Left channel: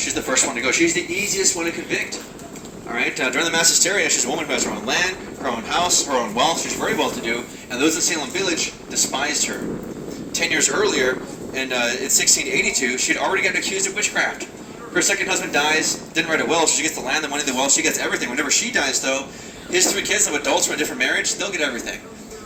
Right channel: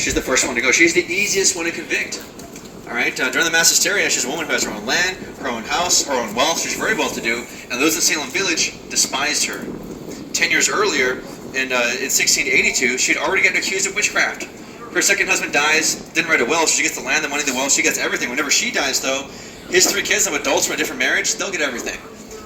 she's the first one to go. She's the easiest one to convict. All right, during the mass hysteria, she's a woman who has her own land, her own house, her own wealth. She's very well-to-do, and those in Salem Village despised her. 10 years earlier, in 1682, she had already gotten accused of witchcraft. Her second husband dies, didn't write a will, so she gets the land, the money, the wealth, she gets everything. Whenever she dies, though, his 3 kids, of adults from a different marriage, they'll get everything.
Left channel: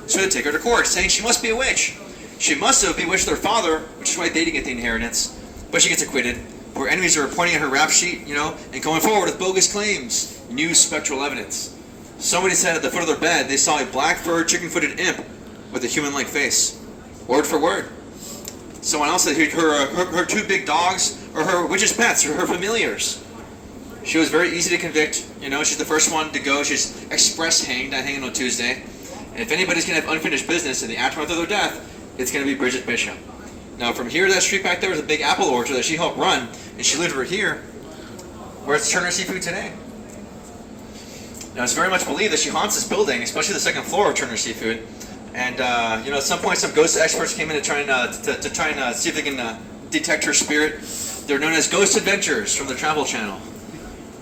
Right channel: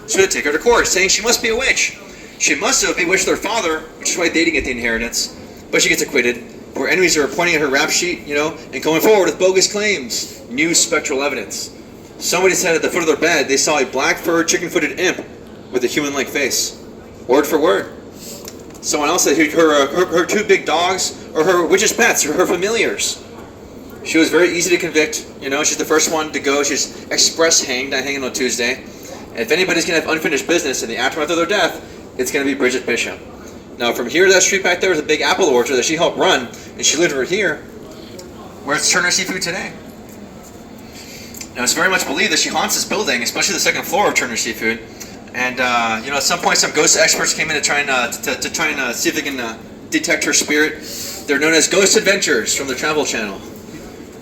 So they take her to court, saying she must be a witch. She must have bewitched their father, which is why they didn't get the inheritance, but she gets acquitted. Her enemies are pointing at her rap sheet, and going forward with bogus claims, new spectral evidence. Somebody said at the foot of their bed they saw a black-furred, chicken-footed imp with a human-like face. Word for word. Someone else said her 2 big dogs are her witch's pets, or her familiars. She was very easy to convict. She's the first one to go. She's express hanged, not hanging on Tuesday. And if anybody's going to have unfinished business in the aftermath of their death, it's going to be Bridget Bishop. Now, from here to that street back there was a big apple orchard that she helped run, and she lived over here, where it's Turner Seafood today. Now, it's very much believed that she haunts this building, especially the second floor of Turner Seafood. And at some point, some ghost experts came in to try and see if they can detect her spirit. They're known as Ghost Adventures from the Travel Channel.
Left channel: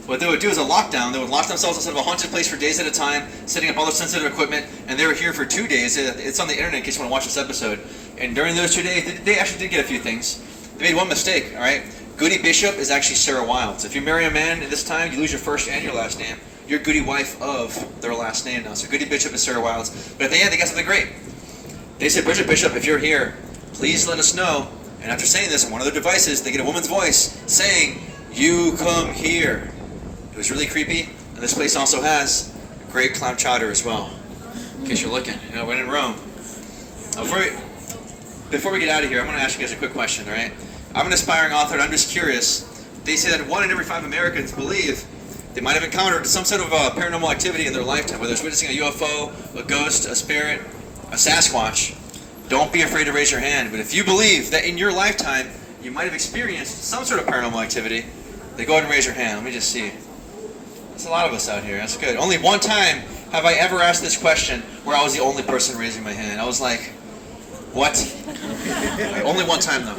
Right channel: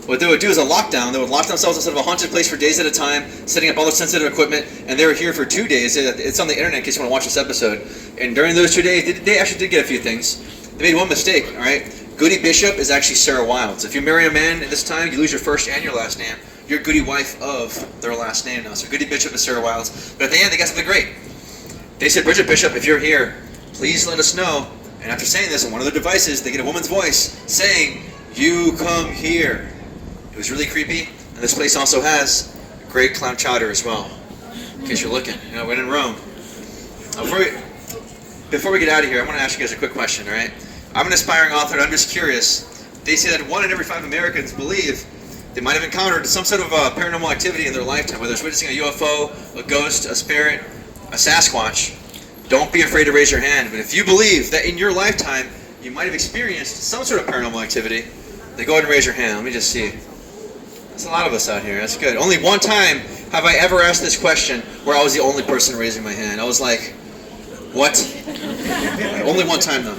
What they would do is a lockdown. They would lock themselves inside of a haunted place for days at a time, setting up all their sensitive equipment, and they were here for 2 days. It's on the internet in case you want to watch this episode. And during those 2 days, they actually did get a few things. They made one mistake, all right? Goody Bishop is actually Sarah Wilds. If you marry a man at this time, you lose your first and your last name. You're Goody wife of their last name now. So Goody Bishop is Sarah Wilds. But at the end, they got something great. They said, Bridget Bishop, if you're here, please let us know. And after saying this on one of their devices, they get a woman's voice saying, "You come here." It was really creepy, and this place also has great clam chowder as well, in case you're looking. When in Rome. Before we get out of here, I'm going to ask you guys a quick question, all right? I'm an aspiring author, and I'm just curious. They say that 1 in every 5 Americans believe they might have encountered some sort of paranormal activity in their lifetime, whether it's witnessing a UFO, a ghost, a spirit, a Sasquatch. Don't be afraid to raise your hand, but if you believe that in your lifetime you might have experienced some sort of paranormal activity, then go ahead and raise your hand. Let me just see. There's a lot of us out here. That's good. Only one time have I ever asked this question where I was the only person raising my hand. I was like, what? Only one time, though.